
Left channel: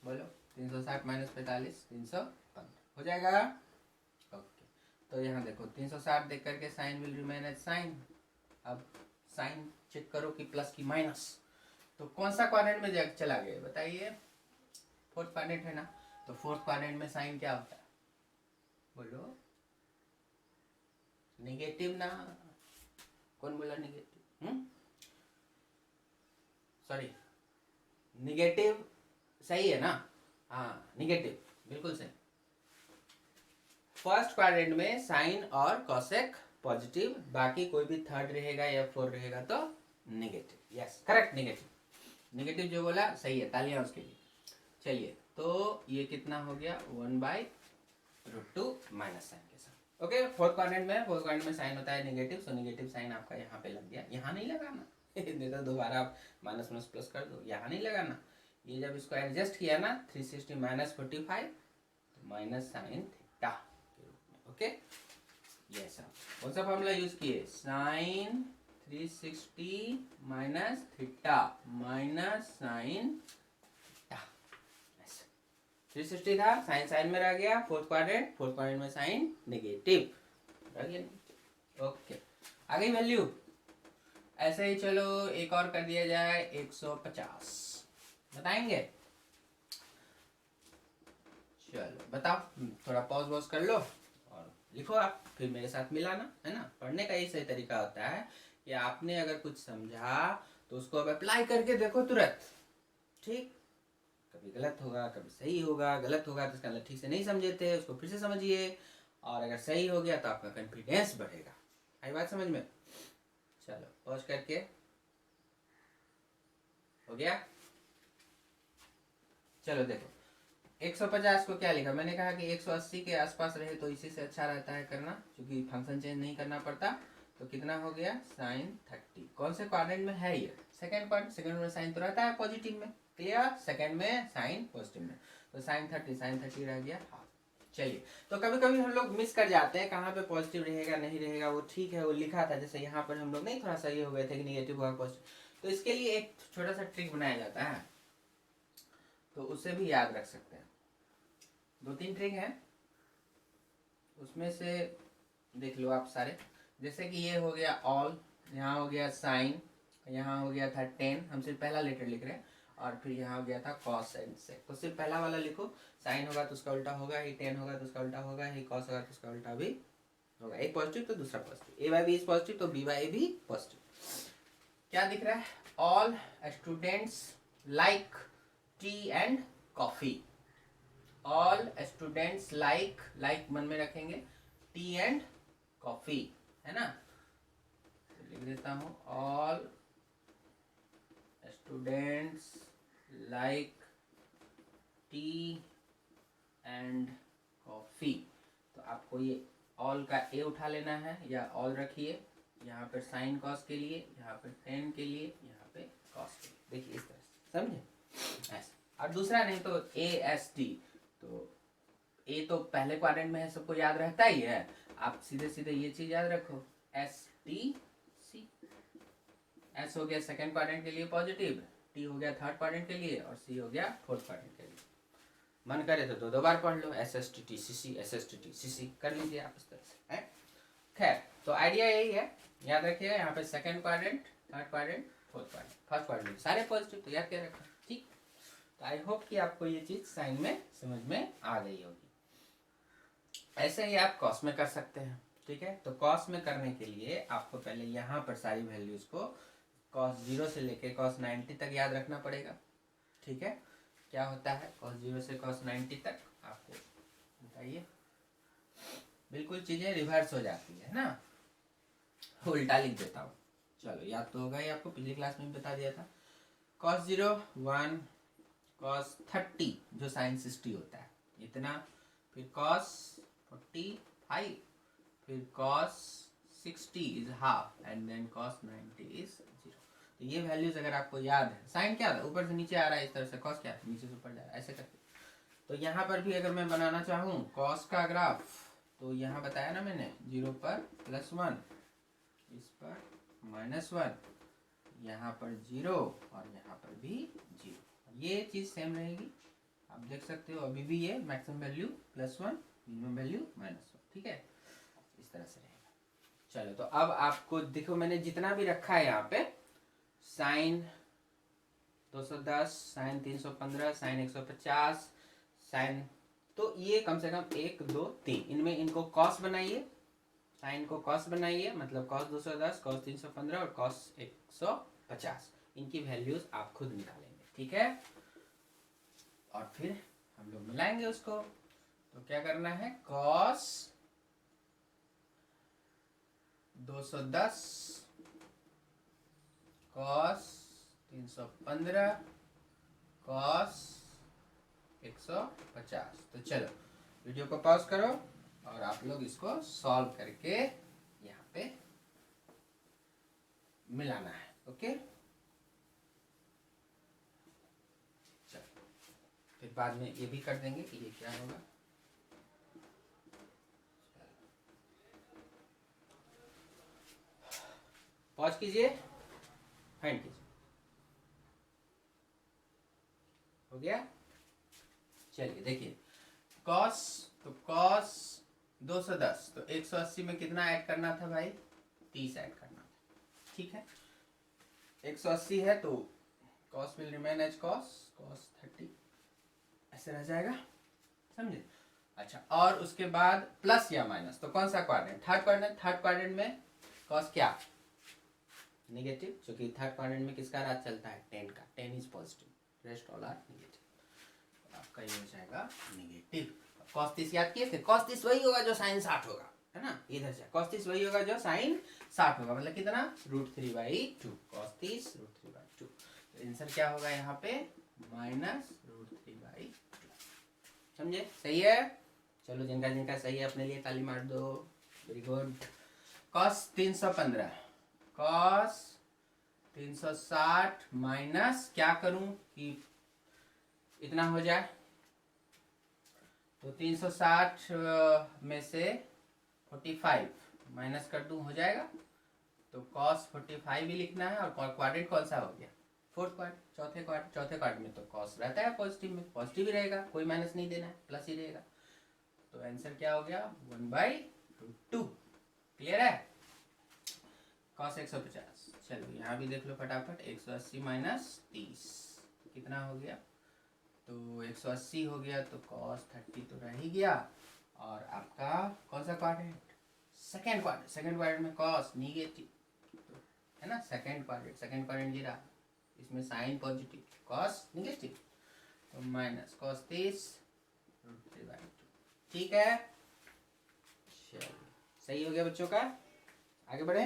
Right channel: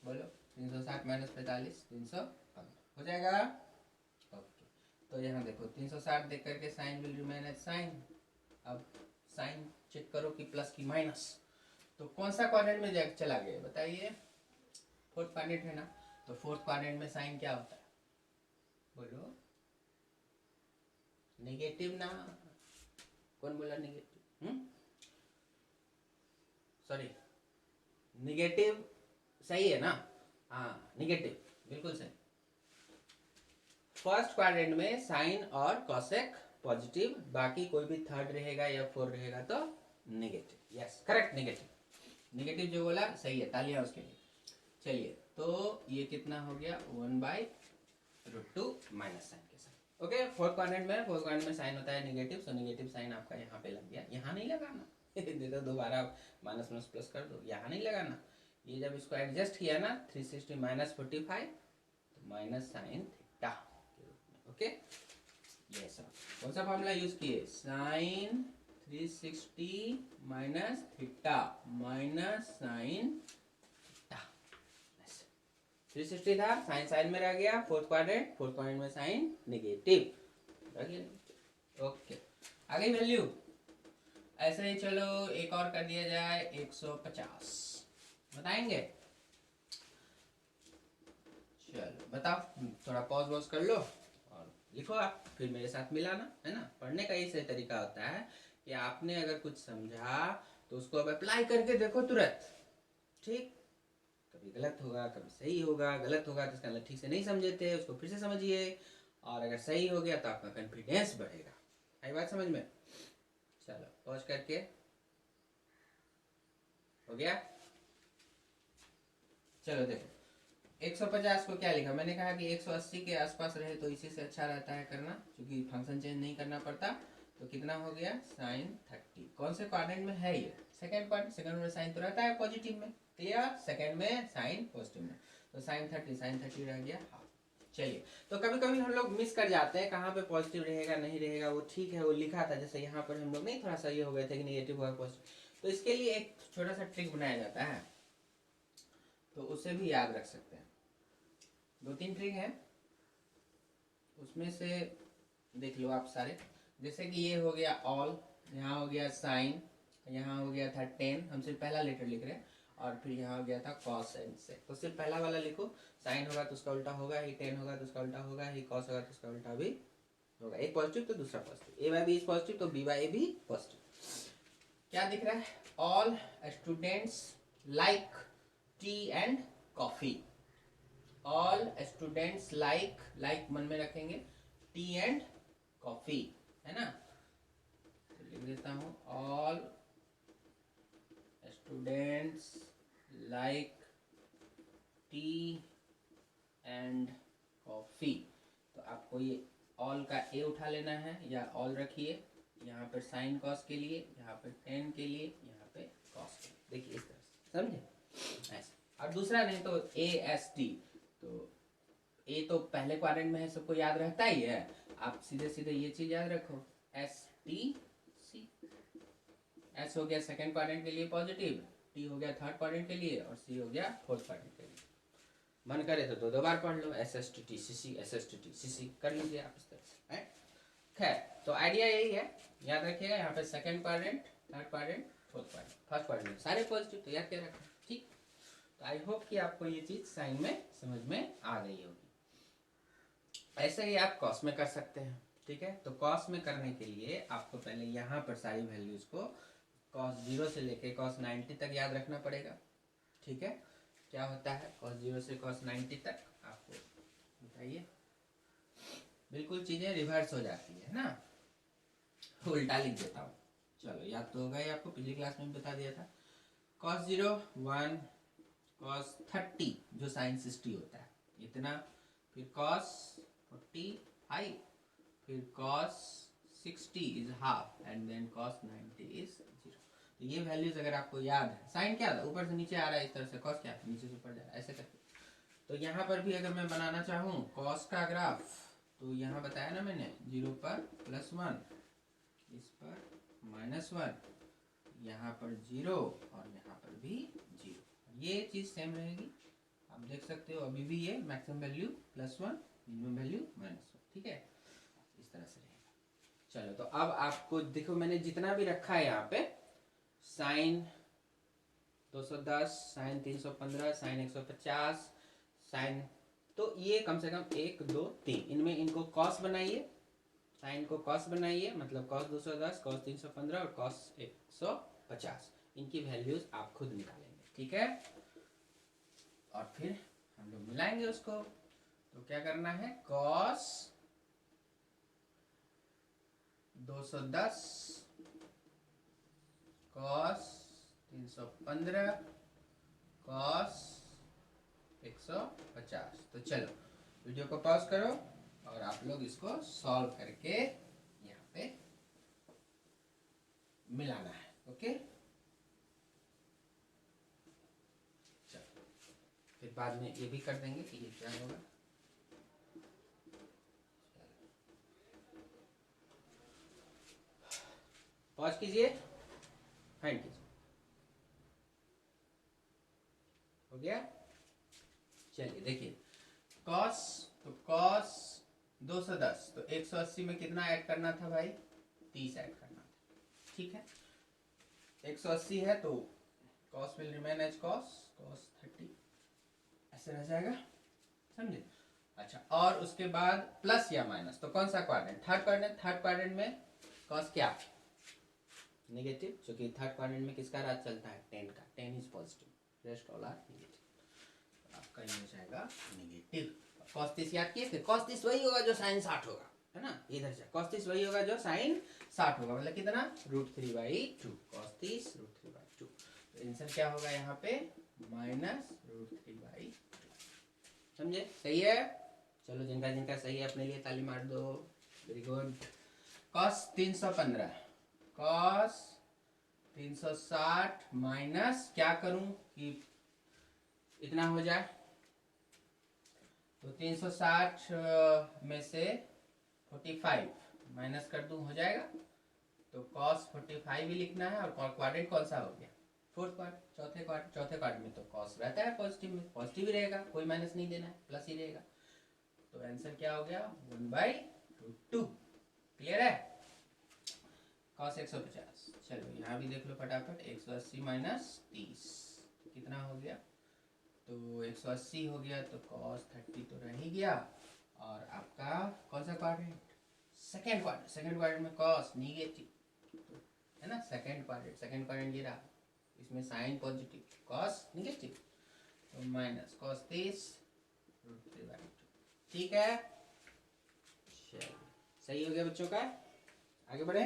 बोलो 360 - 45 315 हो जाएगा। ओके, तो यहाँ देखो 360 देख करके sine will remain as sine. अब साइन चेक करो कि प्लस की माइनस, तो कौन सा क्वाड्रेंट में चला गया बताइए, फोर्थ क्वाड्रेंट है ना, तो फोर्थ क्वाड्रेंट में साइन क्या होता है, बोलो नेगेटिव ना, कौन बोला नेगेटिव, सॉरी नेगेटिव सही है ना, हाँ नेगेटिव बिल्कुल सही। फर्स्ट क्वाड्रेंट में साइन और कॉसेक पॉजिटिव, बाकी कोई भी थर्ड रहेगा या फोर्थ रहेगा तो नेगेटिव, यस करेक्ट, नेगेटिव जो बोला सही है, तालियां उसके लिए। चलिए, तो ये कितना हो गया 1/√2 माइनस साइन के साथ। ओके, फोर्थ क्वाड्रेंट में साइन होता है नेगेटिव, सो नेगेटिव साइन आपका यहाँ पे लग गया, यहाँ नहीं लगाना नहीं तो दोबारा माइनस माइनस प्लस कर दो, यहाँ नहीं लगाना, ये जब इसको एडजस्ट किया ना 360 - 45 तो माइनस साइन थीटा के रूप में। ओके, ये सब कौन सा फॉर्मूला यूज किए, साइन 360 - थीटा माइनस साइन 360 था, साइन साइन में रह गया, फोर्थ क्वाड्रेंट में साइन नेगेटिव रह गया। ओके, आ गई वैल्यू, ऐसे ही चलो एक और कर दिया जाए 150, बताएंगे, चलो बताओ, थोड़ा पॉज वॉज कर लो और लिखो आप, फिर मेरे साथ मिलाना, है ना, पढ़ने का ये सही तरीका होता है कि आपने अगर कुछ समझा तो उसको अब अप्लाई करके देखो तुरंत, ठीक, कभी गलत होगा कभी सही होगा, गलत होगा तो इसका मतलब ठीक से नहीं समझे थे, उसको फिर से समझिए, और अगर सही हो गया तो आपका कॉन्फिडेंस बढ़ेगा। आई बात समझ में, चलो पॉज करके, हो गया, चलो देखो 150 को क्या लिखा, मैंने कहा कि 180 के आसपास रहे तो इसी से अच्छा रहता है करना, क्योंकि फंक्शन चेंज नहीं करना पड़ता, तो कितना हो गया साइन 30, कौन से क्वाड्रेंट में है ये, सेकंड क्वाड्रेंट, सेकंड में साइन तो रहता है पॉजिटिव में, क्लियर, सेकंड में साइन पॉजिटिव में, तो साइन 30 रह गया हाफ। चलिए, तो कभी कभी हम लोग मिस कर जाते हैं कहाँ पे पॉजिटिव रहेगा नहीं रहेगा, वो ठीक है वो लिखा था, जैसे यहाँ पर हम लोग नहीं थोड़ा सा ये हो गए थे कि नेगेटिव हुआ पॉजिटिव, तो इसके लिए एक छोटा सा ट्रिक बनाया जाता है, तो उसे भी याद रख सकते हैं। 2-3 ट्रिक है, उसमें से देख लो आप सारे। जैसे कि ये हो गया ऑल, यहाँ हो गया साइन, यहाँ हो गया था 10, हम सिर्फ पहला लेटर लिख रहे हैं, और फिर यहाँ हो गया था कॉस एंड सेक। तो सिर्फ पहला वाला लिखो, साइन होगा तो उसका उल्टा होगा ही, 10 होगा तो उसका उल्टा होगा ही, कॉस होगा तो उसका उल्टा भी होगा। एक पॉजिटिव तो दूसरा positive, A by B is positive तो बी बाई बी पॉजिटिव। क्या दिख रहा है? All students like tea and coffee. All students like मन में रखेंगे, टी एंड कॉफी, है ना। तो लिख देता हूं, all students like tea and coffee. तो आपको ये ऑल का ए उठा लेना है, या ऑल रखिए यहाँ पर साइन कॉस के लिए, यहाँ पे 10 के लिए, यहाँ पे कॉस के लिए। देखिए इस तरह से, समझे ऐसे। और दूसरा नहीं तो ए एस टी, तो ए तो पहले क्वाड्रेंट में है, सबको याद रहता ही है। आप सीधे सीधे ये चीज याद रखो, एस टी सी। एस हो गया सेकेंड क्वाड्रेंट के लिए पॉजिटिव, टी हो गया थर्ड क्वाड्रेंट के लिए, और सी हो गया फोर्थ क्वाड्रेंट के लिए। मन करे तो 2-2 बार पढ़ लो, S S T T C C, S S T T C C कर लीजिए आप इस तरह से, है। खैर, तो आइडिया यही है, याद रखिएगा यहाँ पे second quadrant, third quadrant, fourth quadrant, first quadrant सारे पॉजिटिव, तो याद क्या रखना, ठीक। तो आई होप कि आपको ये चीज साइन में समझ में आ गई होगी। ऐसे ही आप कॉस में कर सकते हैं, ठीक है। तो कॉस में करने के लिए आपको पहले यहाँ पर सारी वैल्यूज को कॉस 0 से लेके कॉस 90 तक याद रखना पड़ेगा, ठीक है। क्या होता है कॉस 0 से कॉस 90 तक, आपको बताइए। बिल्कुल चीजें रिवर्स हो जाती है ना, उल्टा लिख देता हूँ। चलो याद तो होगा ही आपको, पिछली क्लास में भी बता दिया था। कॉस 0 1, कॉस 30 जो साइन 60 होता है इतना, फिर कॉस 45, फिर cos 60 is half, and then cos 90 is 0। तो ये वैल्यूज अगर आपको याद है, साइन क्या था ऊपर से नीचे आ रहा है इस तरह से, कॉस क्या था नीचे से ऊपर जा रहा है, ऐसे करके। तो यहाँ पर भी अगर मैं बनाना चाहूँ कॉस का ग्राफ, तो यहाँ बताया ना मैंने, 0 पर +1, इस पर -1, यहाँ पर 0, और यहाँ पर भी 0। ये चीज सेम रहेगी, आप देख सकते हो। अभी भी ये मैक्सिमम वैल्यू +1, मिनिमम वैल्यू -1, ठीक है, इस तरह से रहेगा। चलो, तो अब आपको देखो मैंने जितना भी रखा है यहाँ पे, साइन 210, साइन 315, साइन 150, साइन, तो ये कम से कम 1 2 3, इनमें इनको कॉस बनाइए, साइन को कॉस बनाइए, मतलब कॉस 210, कॉस 315 और कॉस 150, इनकी वैल्यूज आप खुद निकालेंगे, ठीक है। और फिर हम लोग मिलाएंगे उसको। तो क्या करना है, कॉस 210, कॉस 315, कॉस 150। तो चलो वीडियो को पॉज करो और आप लोग इसको सॉल्व करके यहाँ पे मिलाना है, ओके। चलो फिर बाद में ये भी कर देंगे कि ये क्या होगा। पॉज कीजिए, फाइंड कीजिए, हो गया। चलिए देखिए, कॉस, तो कॉस 210, तो 180 में कितना ऐड करना था भाई, 30 ऐड करना था, ठीक है। 180 है तो cos will remain as cos 30, ऐसे रह जाएगा, समझे। अच्छा, और उसके बाद प्लस या माइनस, तो कौन सा quadrant, third quadrant. Third quadrant में कॉस क्या, नेगेटिव, क्योंकि थर्ड क्वाड्रेंट में किसका राज चलता है, 10 का, 10 is positive, rest all are negative. तो आपका ये हो जाएगा नेगेटिव। कॉस 30 याद किए थे, कॉस 30 वही होगा जो साइन 60 होगा, है ना। इधर से कॉस 30 वही होगा जो साइन 60 होगा, मतलब कितना, √3/2, कॉस 30 √3/2। तो आंसर क्या होगा यहाँ पे, -√3/2, समझे, सही है। चलो जिनका जिनका सही है अपने लिए ताली मार दो, very good. Cos 315, cos 360 minus क्या करूं कि इतना हो जाए, तो 360 में से 45 माइनस कर दूं, हो जाएगा। तो कॉस 45 भी लिखना है, और क्वाड्रेंट कौन सा हो गया, फोर्थ क्वार्ट, चौथे क्वार्ट में तो कॉस रहता है पॉजिटिव में, पॉजिटिव ही रहेगा, कोई माइनस नहीं देना है, प्लस ही रहेगा। तो आंसर क्या हो गया 1/√2। क्लियर है? कॉस 150। चलो यहाँ भी देख लो फटाफट, 180 माइनस 30 कितना हो गया? तो 180 हो गया, तो कॉस 30 तो रह ही गया। और आपका कौन सा quadrant? Second quadrant. Second quadrant में कॉस निगेटिव, तो है ना, सेकेंड क्वाड्रेंट ये रहा, इसमें साइन पॉजिटिव, कॉस निगेटिव, तो माइनस कॉस 30√3/2। ठीक है, चलिए सही हो गया बच्चों का। आगे बढ़े।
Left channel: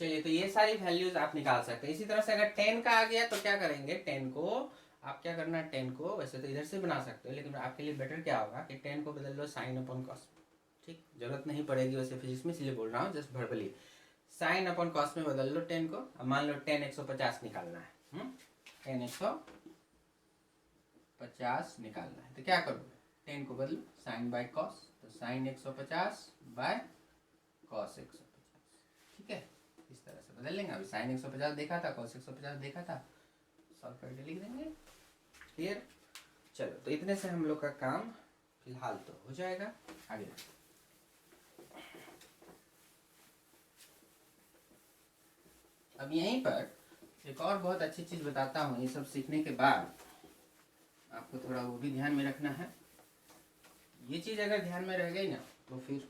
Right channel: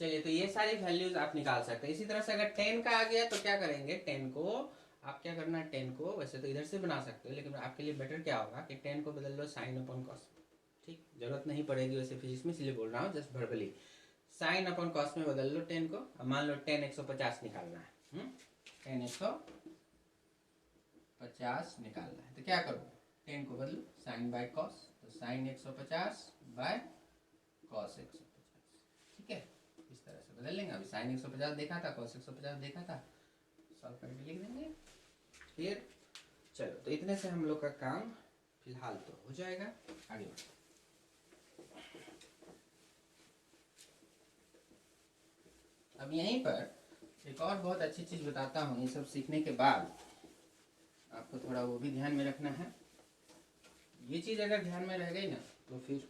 चलिए, तो ये सारी वैल्यूज आप निकाल सकते हैं। इसी तरह से अगर 10 का आ गया तो क्या करेंगे, 10 को आप क्या करना है, 10 को वैसे तो इधर से बना सकते हो, लेकिन आपके लिए बेटर क्या होगा कि 10 को बदल लो साइन अपॉन कॉस। ठीक, जरूरत नहीं पड़ेगी वैसे फिजिक्स में, इसलिए बोल रहा हूँ just verbally. Sine upon cos में बदल लो 10 को। अब मान लो 10 150 निकालना है, 10 150 निकालना है, तो क्या करोगे, 10 को बदलो साइन बाय कॉस, तो साइन 150 बाय कॉस 150। ठीक है, इस तरह से बदल लेंगे। अभी साइन 150 देखा था, कॉस 150 देखा था, सॉल्व करके लिख देंगे। क्लियर? चलो, तो इतने से हम लोग का काम फिलहाल तो हो जाएगा। आगे अब यहीं पर एक और बहुत अच्छी चीज बताता हूँ। ये सब सीखने के बाद आपको थोड़ा वो भी ध्यान में रखना है। ये चीज अगर ध्यान में रह गई ना तो फिर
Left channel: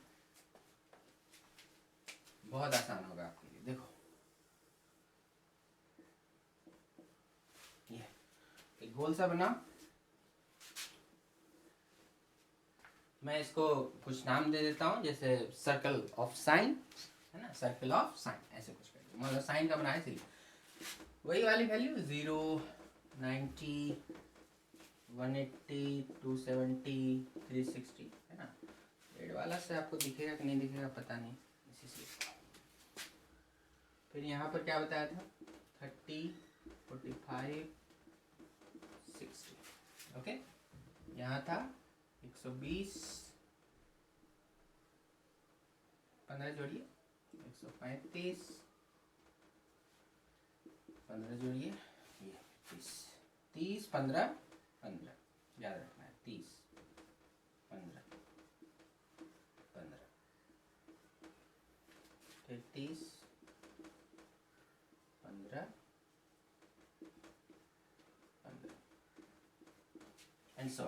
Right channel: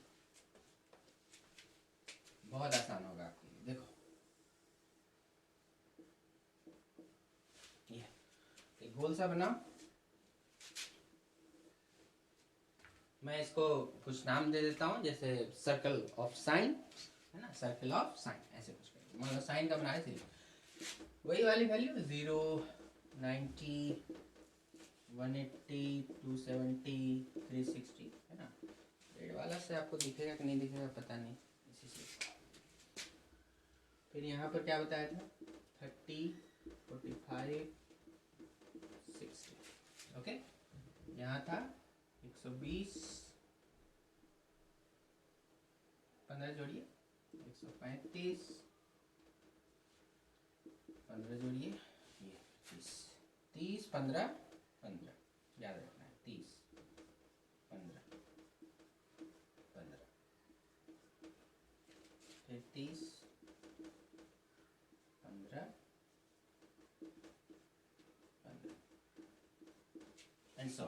बहुत आसान होगा आपके लिए। देखो, ये एक गोल सा बना, मैं इसको कुछ नाम दे देता हूँ, जैसे सर्कल ऑफ साइन, है ना, सर्कल ऑफ साइन ऐसे कुछ करिए। मतलब साइन का बनाए, इसलिए वही वाली वैल्यू 0, 90, 180, 270, 360, है ना। रेड वाला से आपको दिखेगा कि नहीं दिखेगा पता नहीं, इसी से। फिर यहाँ पर क्या बताया था, 30, 45, 60। ओके, यहाँ था 120, 15 जोड़िए, 135, 15 जोड़िए, ये 30, 30, 15, 15 याद रखना है, 30, 15, 15, फिर 30, 15, 15 एंड सो।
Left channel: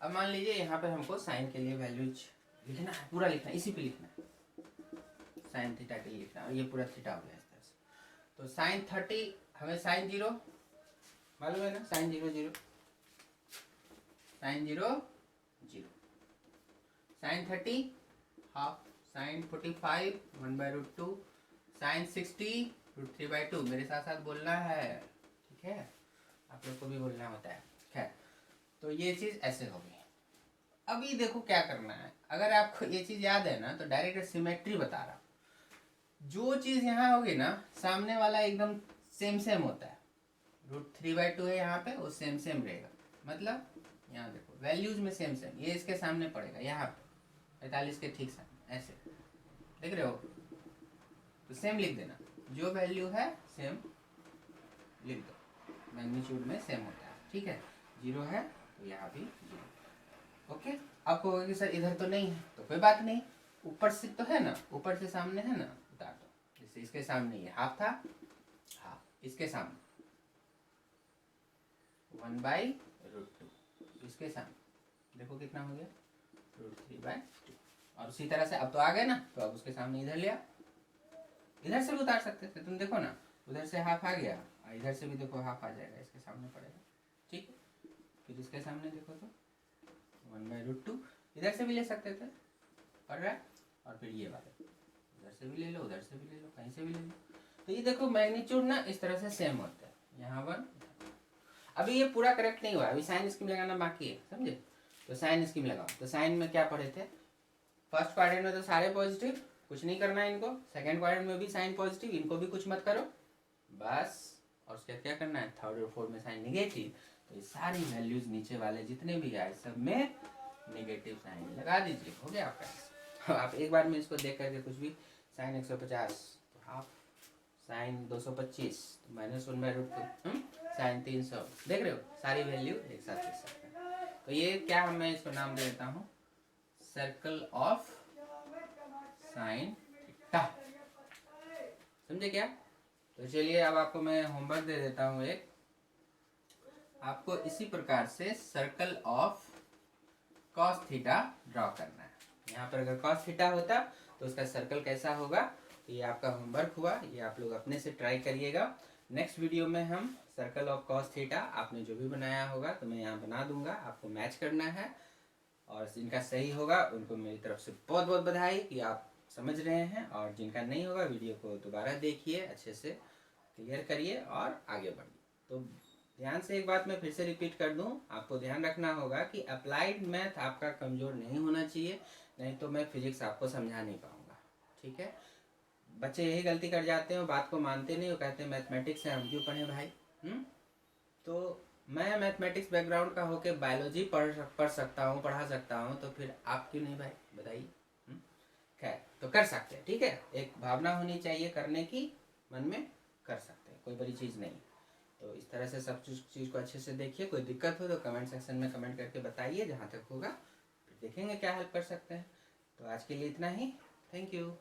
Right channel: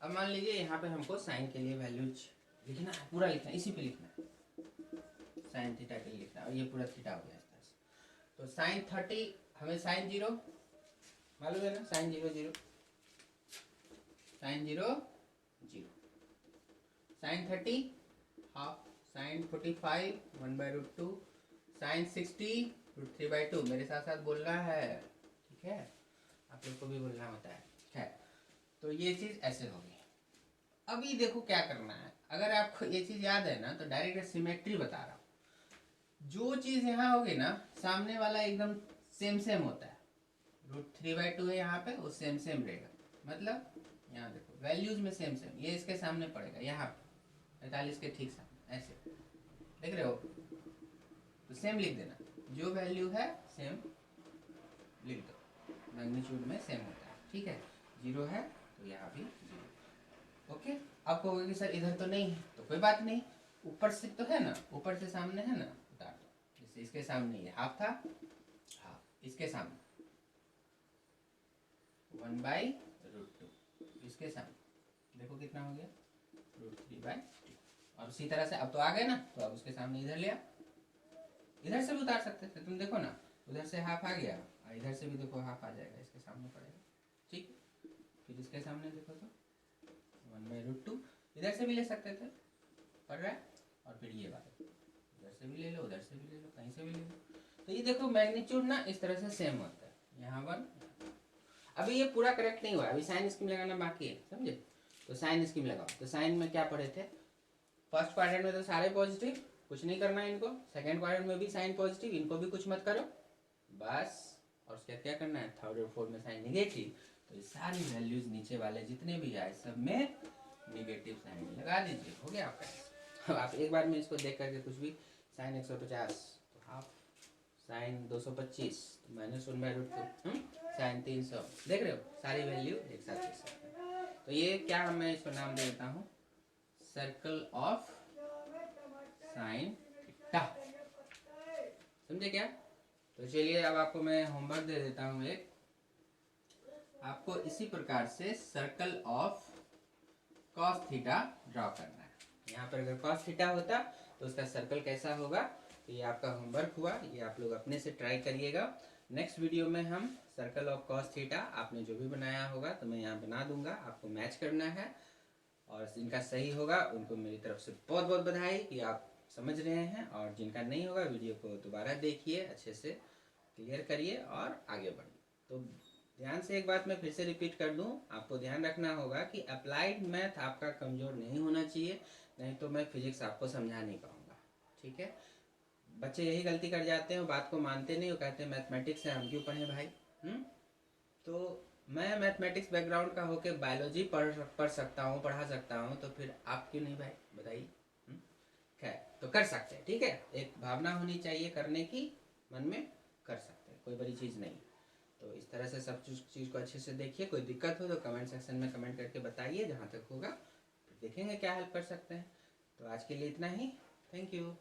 अब मान लीजिए यहाँ पे हमको साइन के लिए वैल्यूज लिखना है, पूरा लिखना है, इसी पे लिखना है, साइन थीटा के लिए लिखना है, और ये पूरा थीटा हो गया इस तरह से। तो साइन 30 हमें साइन 0 मालूम है ना, sine 0 0, sine 0 0, sine 30 half, sine 45 1/√2, sine 60 √3/2। मेरे साथ साथ बोलना है, ठीक है, आप लोग को भी बोलना होता है। खैर, तो ये चीज ऐसे होगी। अभी देखो क्या करना है, अगर आपको ये चीज याद है ना तो डायरेक्ट सिमेट्री बता रहा, जो चीज यहाँ होगी ना सामने वाला एकदम सेम सेम होता है, √3/2 है यहाँ पे, वो सेम सेम रहेगा। मतलब यहाँ देखो वैल्यूज में सेम सेम, ये इसके सामने पड़ेगा, यहाँ पे 45 के ठीक सामने, ऐसे देख रहे हो, तो सेम लिख देना, जो वैल्यू है सेम लिख दो, मैग्नीट्यूड में सेम होता है। ठीक है, 0 है तो यहाँ भी 0। ओके, आपको होगा कि सर इधर तो नहीं है, तो कोई बात नहीं, ऊपर से तो है ना, ऊपर से सामने है ना, उतार दो। जैसे इसके सामने ये हाफ था, हाफ, इसके सामने 1/√2, इसके सामने देखो कितना हो गया, √3/2। और उसी तरह से अब तो आ गए ना, तो अब उसके सामने इधर लिया, इधर से भी उतार सकते थे, तुम देखो ना, उधर से हाफ आ गया, इधर से भी देखो हाफ आ जाएगा, इसके सामने पड़ेगा। ठीक, फिर इसके सामने देखो तो 1/√2, इधर से भी ले सकते थे, पड़ रहा है, और फिर ये वाला उधर से भी ले लो, उधर से भी ले लो, कहीं से भी ले लो। तो ये देखो मैग्नीट्यूड ना इस तरह से सेम होता है, यहाँ 1। अभी ये पूरा करेक्ट नहीं हुआ, अभी साइन स्कीम लगाना बाकी है, समझे। तो साइन स्कीम लगाओ, तो साइन में क्या पढ़े थे, फर्स्ट क्वाड्रेंट में तो सारे पॉजिटिव, कुछ नहीं करना है इनको। सेकेंड क्वाड्रेंट में भी साइन पॉजिटिव, इनको भी कुछ मत करो बस। और उसका क्या करना है, थर्ड और फोर्थ में साइन निगेटिव। तो ये सारी वैल्यूज नीचे वाले जितने भी आए सब में निगेटिव साइन लगा दीजिए, हो गया आपका। आप एक बार में इसको देख करके कुछ भी, साइन 150 तो हाफ, साइन 225 तो -1/√2 साइन 300। देख रहे हो, सारी वैल्यू एक साथ लिख सकते हैं। तो ये क्या मैं इसको नाम दे देता हूँ, सर्कल ऑफ साइन थीटा। समझे क्या? तो चलिए अब आपको मैं होमवर्क दे देता हूँ एक। आपको इसी प्रकार से circle of cos theta draw करना है। यहाँ पर अगर कॉस थीटा होता तो उसका सर्कल कैसा होगा, तो ये आपका होमवर्क हुआ, ये आप लोग अपने से ट्राई करिएगा। नेक्स्ट वीडियो में हम सर्कल ऑफ कॉस थीटा आपने जो भी बनाया होगा तो मैं यहाँ बना दूंगा, आपको मैच करना है। और जिनका सही होगा उनको मेरी तरफ से बहुत बहुत बधाई कि आप समझ रहे हैं, और जिनका नहीं होगा वीडियो को दोबारा देखिए, अच्छे से क्लियर करिए और आगे बढ़िए। तो ध्यान से एक बात मैं फिर से रिपीट कर दूं, आपको ध्यान रखना होगा कि अप्लाइड मैथ आपका कमज़ोर नहीं होना चाहिए, नहीं तो मैं फिजिक्स आपको समझा नहीं पाऊंगा। ठीक है, बच्चे यही गलती कर जाते हैं, बात को मानते नहीं, वो कहते हैं मैथमेटिक्स है हम क्यों पढ़ें भाई। तो मैं मैथमेटिक्स बैकग्राउंड का होके बायोलॉजी पढ़ा सकता हूँ, तो फिर आप क्यों नहीं भाई, बताइए। खैर, तो कर सकते हैं, ठीक है, एक भावना होनी चाहिए करने की, मन में कर सकते हैं, कोई बड़ी चीज़ नहीं। तो इस तरह से सब चीज़ को अच्छे से देखिए। कोई दिक्कत हो तो कमेंट सेक्शन में कमेंट करके बताइए, जहाँ तक होगा फिर देखेंगे क्या हेल्प कर सकते हैं। तो आज के लिए इतना ही, थैंक यू।